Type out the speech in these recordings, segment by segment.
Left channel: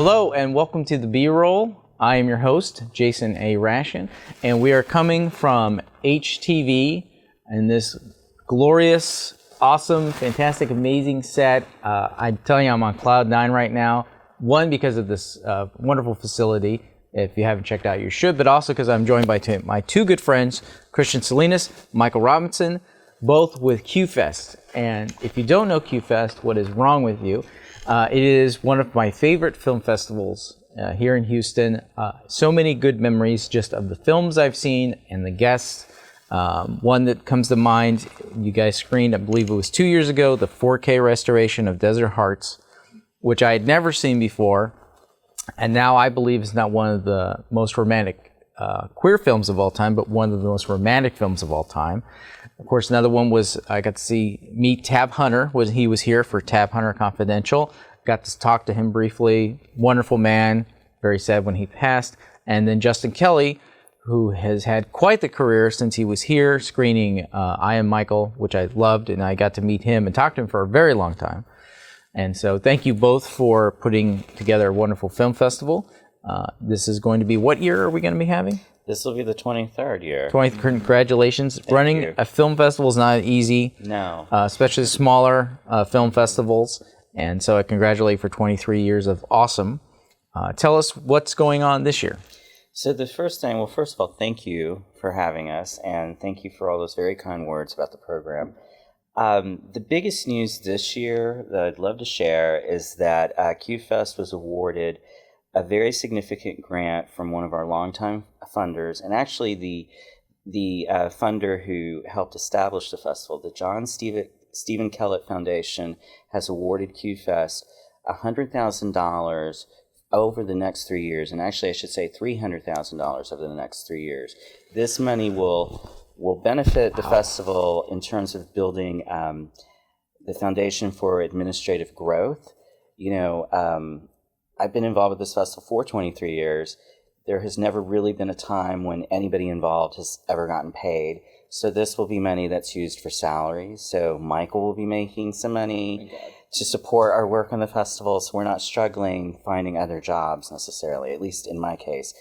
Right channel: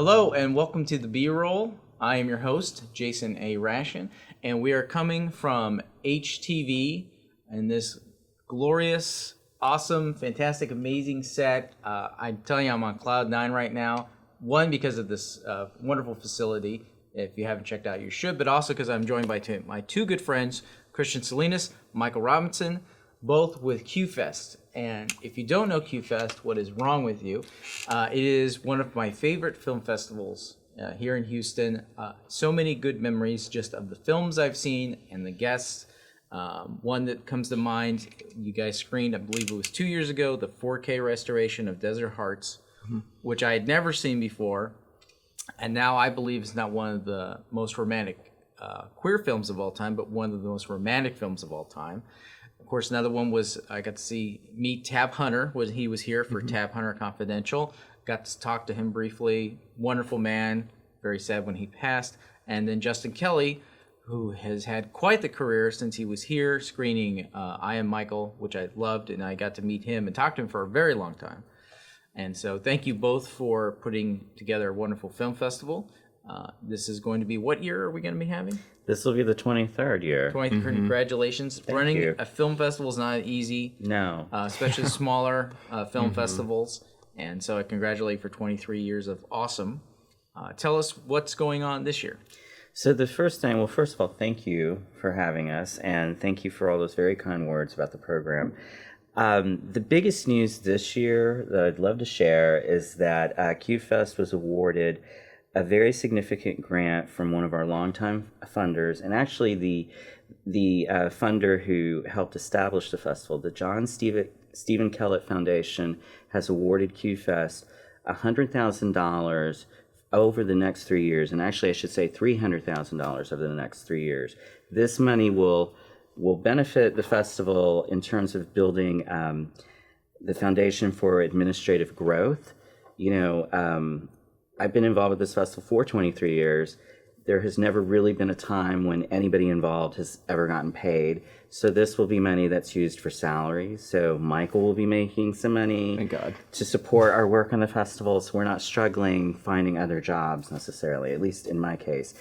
Hello and welcome to the B-Roll. I am your host, Jason A. Raschen, and we are coming from HTV in this glorious, awesome, fantastic, amazing set. I'm telling you, I'm on cloud 9 right now. One, because of this wonderful facility. If you haven't checked out, you should, but also because I'm joined by my two good friends, Kristin Salinas, Michael Robinson, both with QFest. And if you don't know QFest, what is wrong with you? It is one of my favorite film festivals here in Houston. So many good memories just of the films I've seen and the guests. One that comes to mind, you guys screened, I believe it was 2 years ago, the 4K restoration of Desert Hearts, which I had never seen before. And now I believe is not one of the most romantic queer films of all time, but one of the most romantic films of all time. Of course, another one was I got to meet Tab Hunter. He was here for Tab Hunter Confidential. Got to talk to him briefly. Wonderful man. Very sad when he passed. And then Justin Kelly, who has had quite the career since he was here screening I Am Michael, which I loved, and I got to meet him and talk to him for a very long time. And so thank you both for putting together a wonderful film festival. This is going to be, what year are we going to be having? This will be the 23rd year. Congratulations. Running a film festival is not easy. No. Especially smaller film festivals. And so I congratulate you for 23 years of awesome. Tell us what's going on this year. So the first thing, well, first of all, thank you for having us, and thank you for all those very kind words about the program. The biggest news this year that I'd love to share is that QFest was awarded a very significant grant from one of our longtime funders, and actually the funder who helped establish the festival, the John Stephen Kellett Foundation, has awarded QFest $100,000 over the next 3 years, and actually I should say $300,000 over the next 3 years. This money will benefit the festival in terms of building the foundation for administrative growth. You know, I've been involved with this festival for 23 years. There has never really been a time when anybody involved has ever gotten paid. So this will be money that's used for salaries. So Michael will be making some money to support our work on the festival, so we're not struggling finding other jobs necessarily, at least in my case.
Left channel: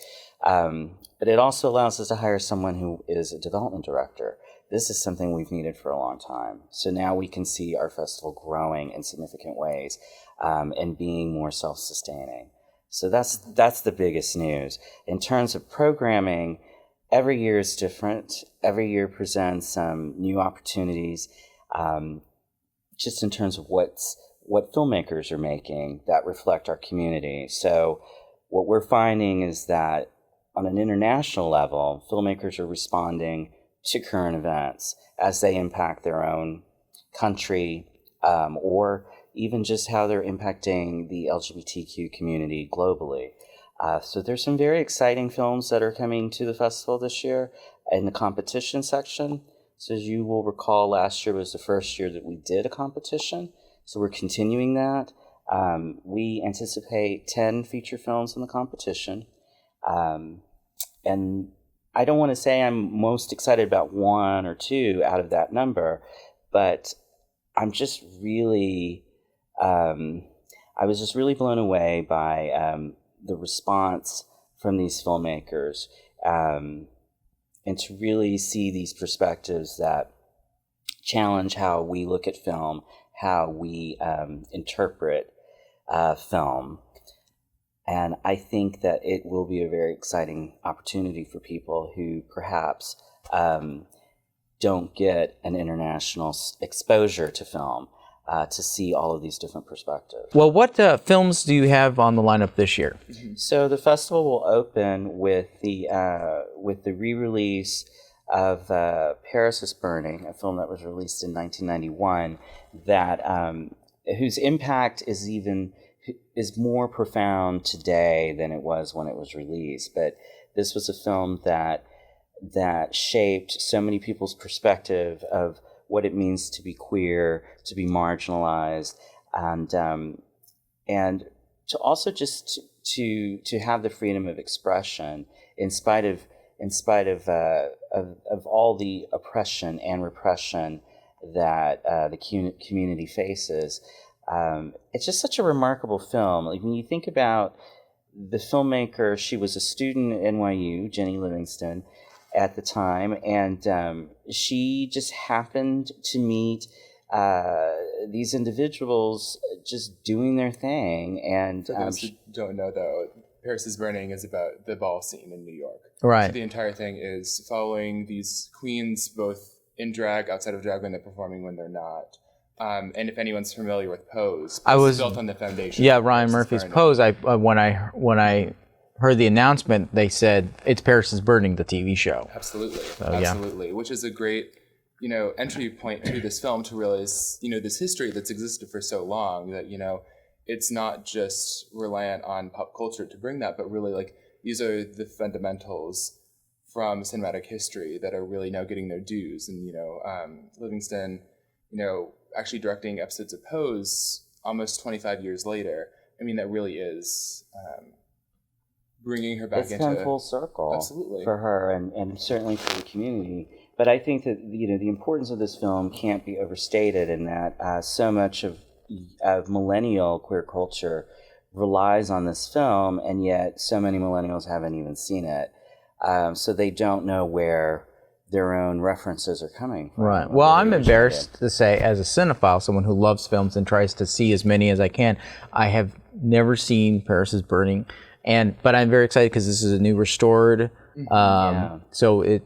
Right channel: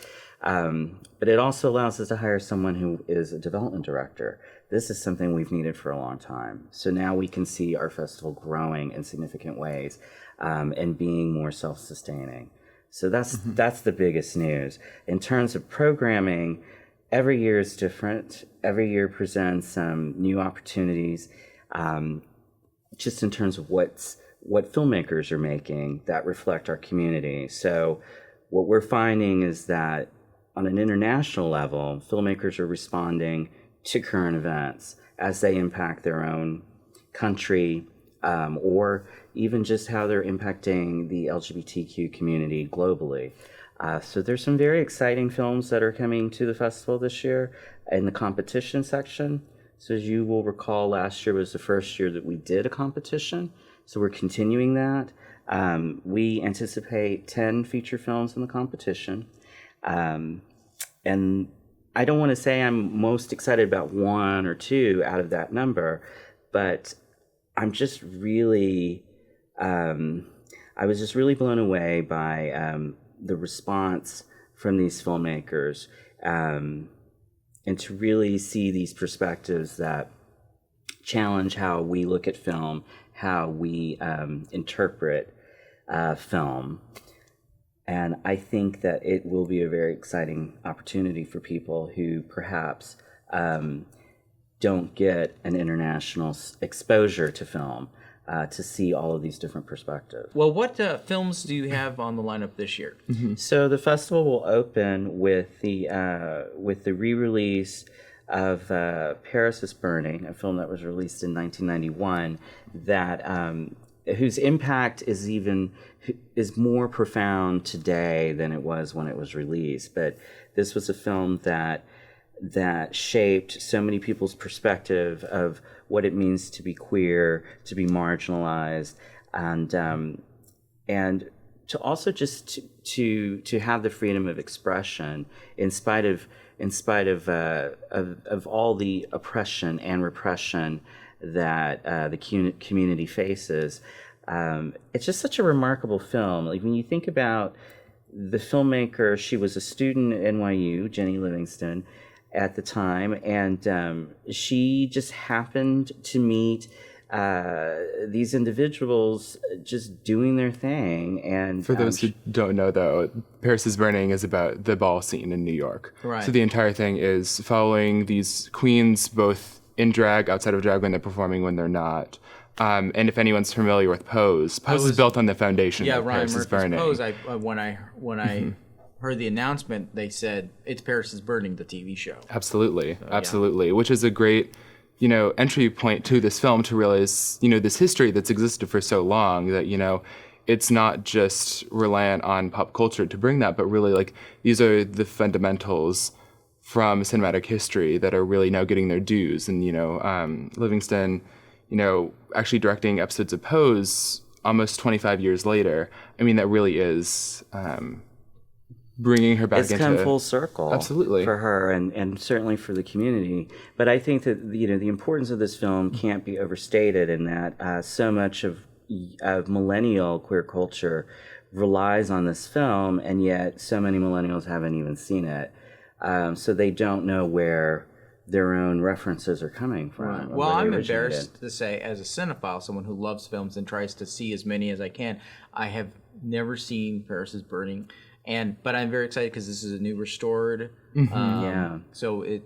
But it also allows us to hire someone who is a development director. This is something we've needed for a long time. So now we can see our festival growing in significant ways and being more self-sustaining. So that's the biggest news. In terms of programming, every year is different. Every year presents new opportunities, just in terms of what filmmakers are making that reflect our community. So what we're finding is that on an international level, filmmakers are responding to current events as they impact their own country, or even just how they're impacting the LGBTQ community globally. So there's some very exciting films that are coming to the festival this year in the competition section. So as you will recall, last year was the first year that we did a competition. So we're continuing that. We anticipate 10 feature films in the competition. And I don't want to say I'm most excited about one or two out of that number, but I'm just really, I was just really blown away by the response from these filmmakers, and to really see these perspectives that challenge how we look at film, how we interpret film. And I think that it will be a very exciting opportunity for people who perhaps don't get an international exposure to film to see all of these different perspectives. Well, what films do you have on the lineup this year? So the festival will open with the re-release of Paris is Burning, a film that was released in 1991, that whose impact is more profound today than it was when it was released. But this was a film that shaped so many people's perspective of what it means to be queer, to be marginalized, and to also just to have the freedom of expression in spite of all the oppression and repression that the community faces. It's just such a remarkable film. Like when you think about the filmmaker, she was a student at NYU, Jenny Livingston, at the time, and she just happened to meet these individuals just doing their thing. And for those who don't know, though, Paris is Burning is about the ball scene in New York. Right. So the entire thing is following these queens, both in drag, outside of drag, when they're performing, when they're not. And if anyone's familiar with Pose is built on the foundation. Yeah, of Ryan Paris is Murphy's Burning. Pose. When I heard the announcement, they said it's Paris is Burning, the TV show. Absolutely, So, absolutely. Which is a great, entry point to this film to realize, this history that's existed for so long that, it's not just reliant on pop culture to bring that, but really like these are the fundamentals from cinematic history that are really now getting their dues. And, Livingston, actually directing episodes of Pose almost 25 years later. I mean, that really is bringing her back it's into... come full circle. Absolutely. For her and certainly for the community. But I think that, the importance of this film can't be overstated in that so much of millennial queer culture relies on this film, and yet so many millennials haven't even seen it. So they don't know where their own references are coming from. Right. Well, I'm embarrassed to say, as a cinephile, someone who loves films and tries to see as many as I can, I have never seen Paris is Burning, but I'm very excited because this is a new restored. So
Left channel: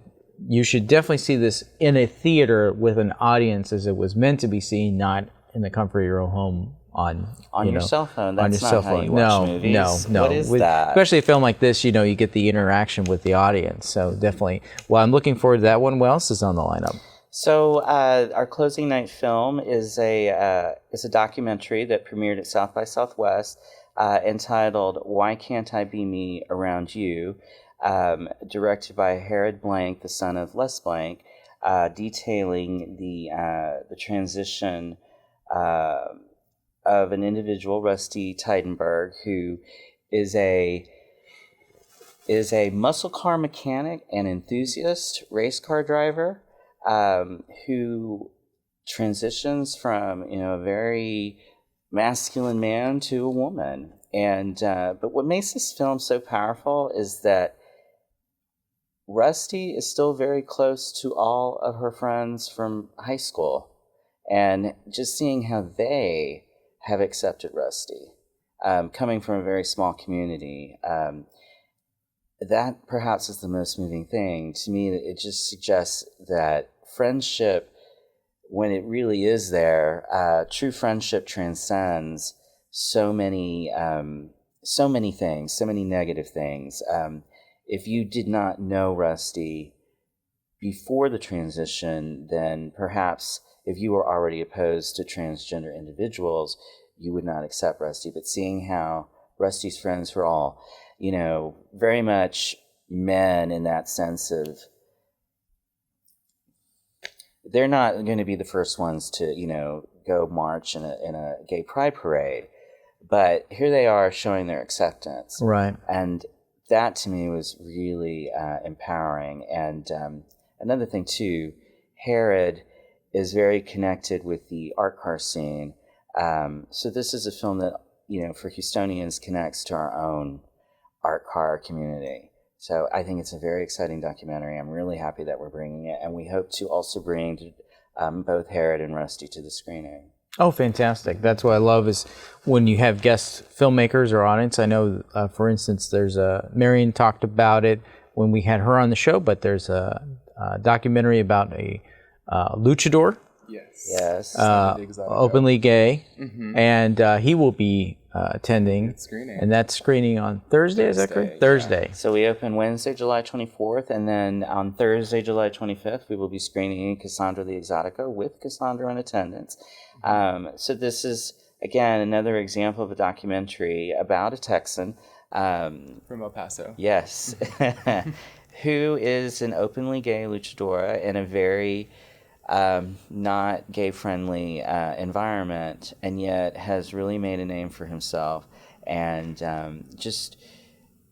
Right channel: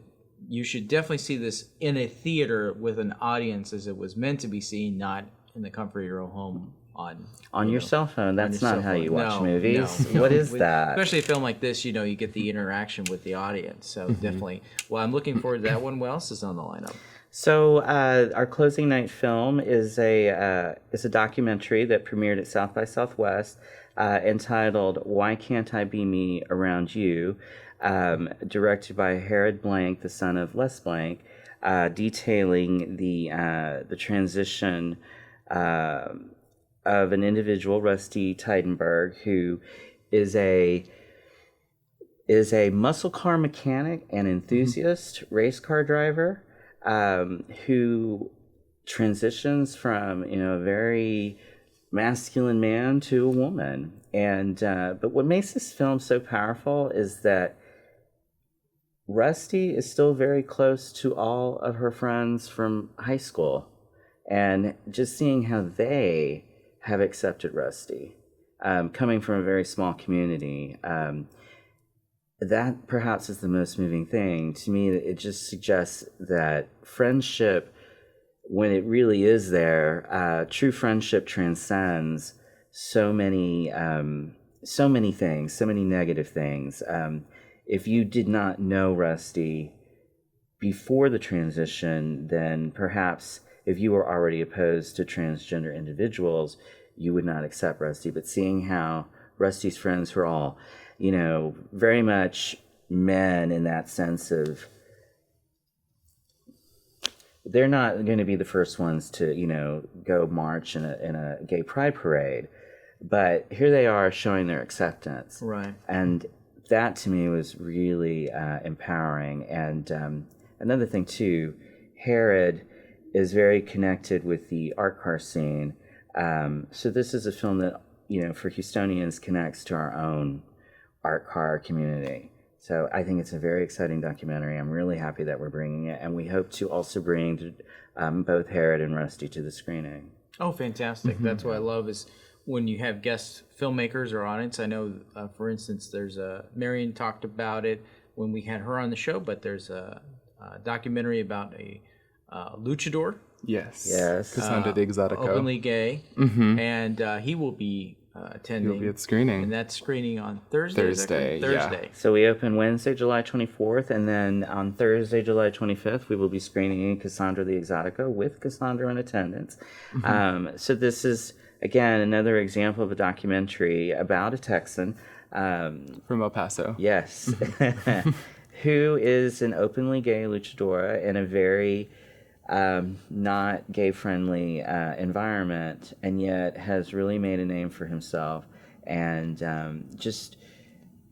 you should definitely see this in a theater with an audience as it was meant to be seen, not in the comfort of your own home on your cell phone. That's not how you watch movies. No. What is that? Especially a film like this, you get the interaction with the audience. So definitely. Well, I'm looking forward to that one. What else is on the lineup? So our closing night film is a documentary that premiered at South by Southwest, entitled "Why Can't I Be Me Around You," directed by Herod Blank, the son of Les Blank, detailing the transition of an individual, Rusty Tidenberg, who is a muscle car mechanic and enthusiast race car driver, who transitions from a very masculine man to a woman. And but what makes this film so powerful is that Rusty is still very close to all of her friends from high school, and just seeing how they have accepted Rusty, coming from a very small community, that perhaps is the most moving thing to me. It just suggests that friendship, when it really is there, true friendship transcends so many things, so many negative things. If you did not know Rusty before the transition, then perhaps if you were already opposed to transgender individuals, you would not accept Rusty. But seeing how Rusty's friends were all, very much men in that sense of, they're not going to be the first ones to, go march in a gay pride parade, but here they are showing their acceptance. Right. And that to me was really empowering. And another thing too, Herod is very connected with the art car scene. So this is a film that, for Houstonians connects to our own art car community. So I think it's a very exciting documentary. I'm really happy that we're bringing it, and we hope to also bring both Herod and Rusty to the screening. Oh, fantastic. That's what I love is when you have guest filmmakers or audience. I know, for instance, there's Marion talked about it when we had her on the show, but there's a documentary about a luchador. Yes. Yes. Openly gay, and he will be attending. It's screening. And that's screening on Thursday. Is that correct? Yeah. Thursday. So we open Wednesday, July 24th, and then on Thursday, July 25th, we will be screening Cassandra the Exotica with Cassandra in attendance. So this is, again, another example of a documentary about a Texan. From El Paso. Yes. Who is an openly gay luchadora in a very not gay-friendly environment, and yet has really made a name for himself, and just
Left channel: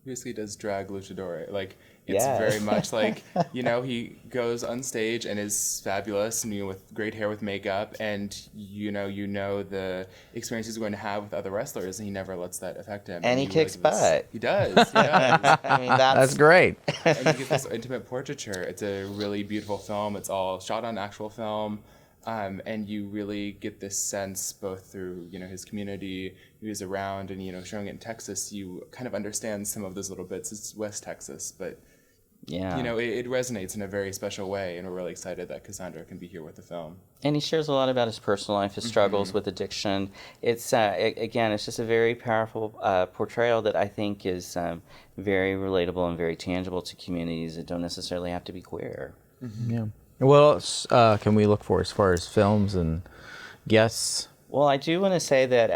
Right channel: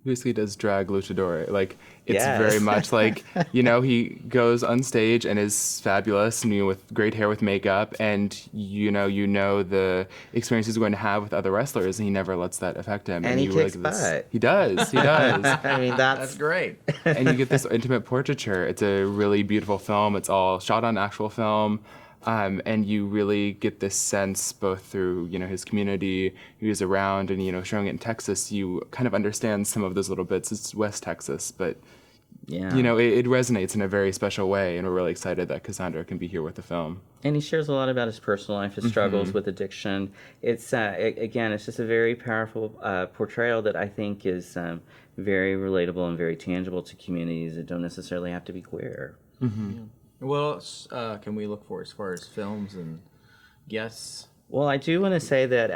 basically does drag luchador. Like, it's Yes. very much like, he goes on stage and is fabulous, and with great hair, with makeup, and you know the experience he's going to have with other wrestlers, and he never lets that affect him. And he you kicks butt. He does. I mean, That's great. And you get this intimate portraiture. It's a really beautiful film. It's all shot on actual film. And you really get this sense both through, his community, who's around, and, showing it in Texas, you kind of understand some of those little bits. It's West Texas, but, Yeah. It resonates in a very special way, and we're really excited that Cassandra can be here with the film. And he shares a lot about his personal life, his struggles with addiction. It's, again, it's just a very powerful portrayal that I think is very relatable and very tangible to communities that don't necessarily have to be queer. Yeah. What else can we look for as far as films and guests? Well, I do want to say that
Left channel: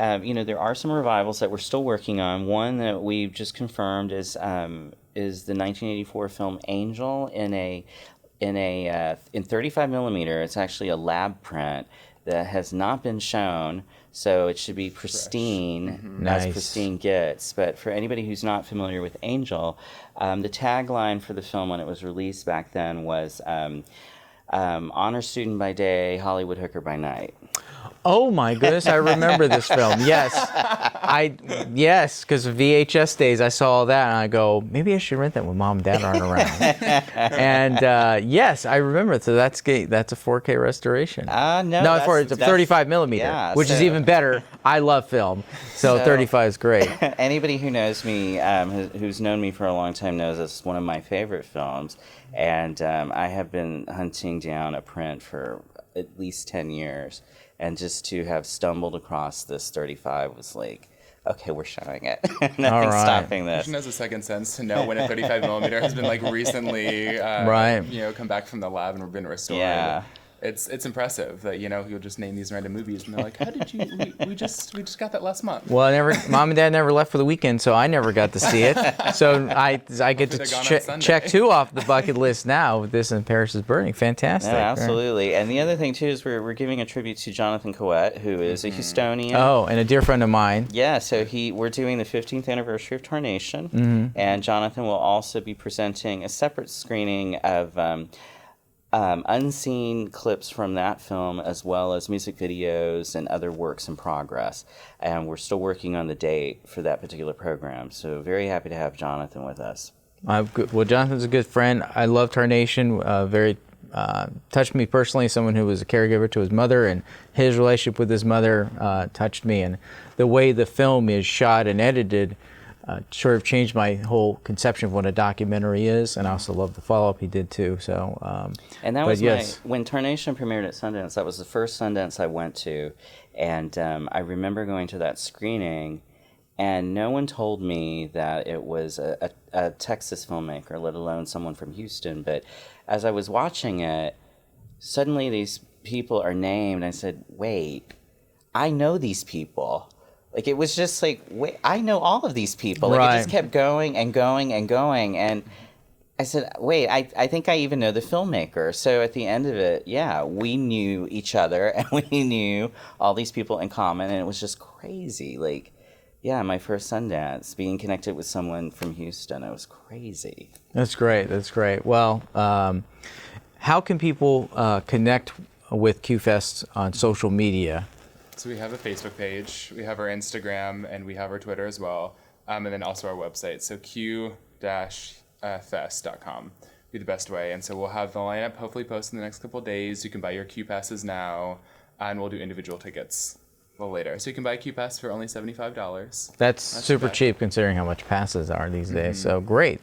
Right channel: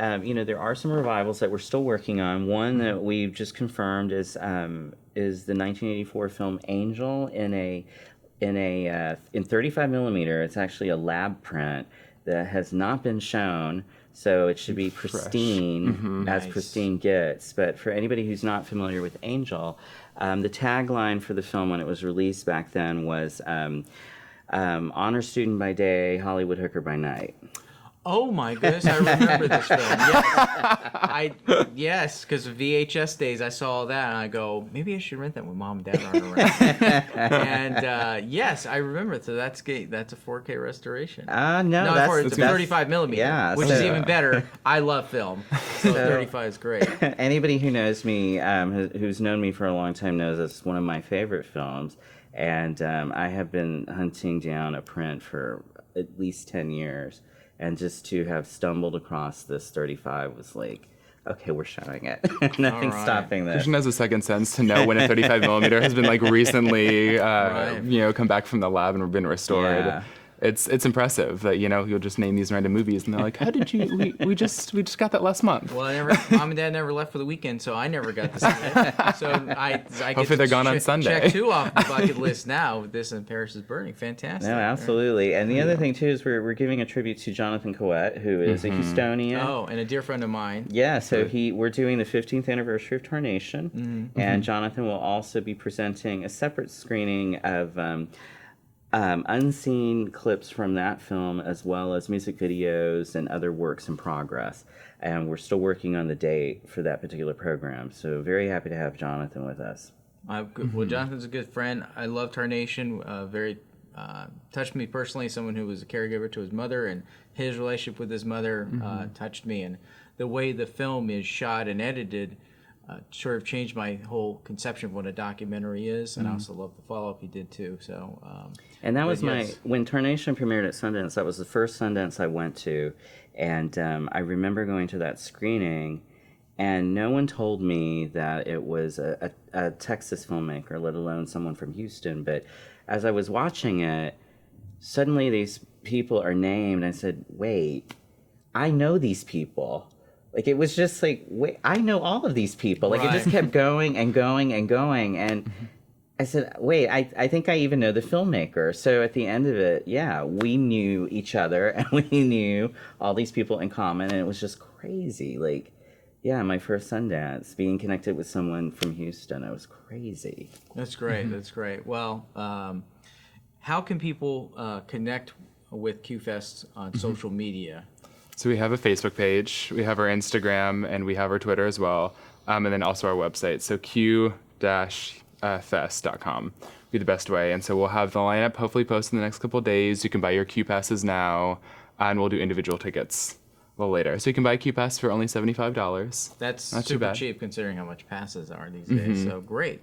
there are some revivals that we're still working on. One that we've just confirmed is the 1984 film Angel in 35 millimeter. It's actually a lab print that has not been shown, so it should be pristine, as Nice. pristine gets. But for anybody who's not familiar with Angel, the tagline for the film when it was released back then was honor student by day, Hollywood hooker by night. Oh my goodness, I remember this film. Yes, because of VHS days, I saw that and I go, maybe I should rent that when mom and dad aren't around. And yes, I remember it. So that's a 4K restoration. No, it's 35 millimeter, yeah, which is so- even better. I love film, so 35 is great. Anybody who knows me, who's known me for a long time, knows it's one of my favorite films. And I have been hunting down a print for at least 10 years. And just to have stumbled across this 35 was like, okay, we're showing it. Nothing's right. stopping this. Christian has a second sense to know when a 35 millimeter has been recently, come back from the lab and been restored. Yeah. It's impressive that you'll just name these random movies and they're like, how did you? We just got that last month. Well, mom and dad never left for the weekend, so I never got to see it. So I get they're gone on to Sunday. check 2 off the bucket list now with this and Paris is Burning. Fantastic. No, absolutely. And the other thing, too, is we're giving a tribute to Jonathan Coet, who is a Houstonian. Oh, and a dear friend of mine. Yeah, so we're doing the 15th anniversary of Tarnation, and Jonathan will also be presenting a separate screening of unseen clips from that film, as well as music videos and other works in progress. And we're still working on the date for that particular program, so very happy to have Jonathan with us. Well, Jonathan's a good friend. I love Tarnation. Very touched me personally. Someone who was a caregiver to his mother, and his relationship with his mother touched me. And the way the film is shot and edited sort of changed my whole conception of what a documentary is. And I also love the follow-up he did too. So, and that was yes. when Tarnation premiered at Sundance. That was the first Sundance I went to, and I remember going to that screening. And no one told me that it was a Texas filmmaker, let alone someone from Houston. But as I was watching it, suddenly these people are named. I said, wait, I know these people. Like, it was just like, wait, I know all of these people. Like, Right. it just kept going and going and going. And I said, wait, I think I even know the filmmaker. So at the end of it, yeah, we knew each other and we knew all these people in common. And it was just crazy. Like, yeah, my first Sundance, being connected with someone from Houston, it was crazy. That's great. That's great. Well, how can people connect with QFest on social media? So we have a Facebook page, we have our Instagram, and we have our Twitter as well, and then also our website. So q-fest.com would be the best way. And so we'll have the lineup hopefully posted in the next couple of days. You can buy your Q passes now, and we'll do individual tickets a little later. So you can buy a Q pass for only $75. That's Not too super bad. cheap considering how much passes are these days. So great.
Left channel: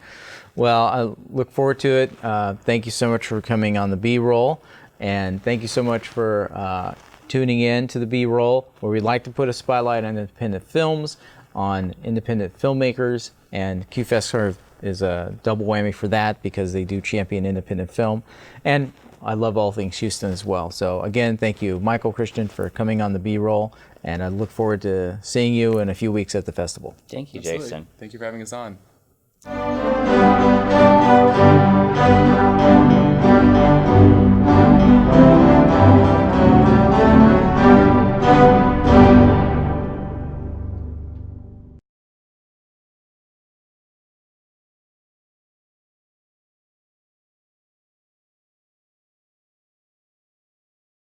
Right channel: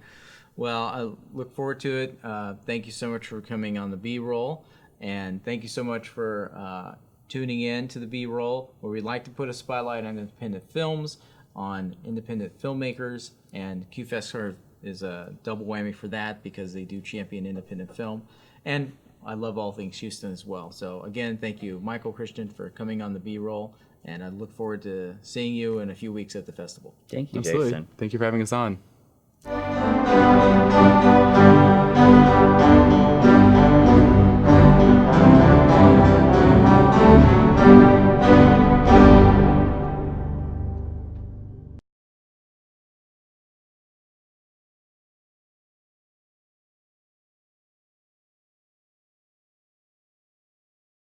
Well, I look forward to it. Thank you so much for coming on the B-Roll, and thank you so much for tuning in to the B-Roll, where we like to put a spotlight on independent films, on independent filmmakers, and QFest sort of is a double whammy for that because they do champion independent film. And I love all things Houston as well. So again, thank you, Michael, Kristin, for coming on the B-Roll, and I look forward to seeing you in a few weeks at the festival. Thank you, Absolutely. Jason. Thank you for having us on.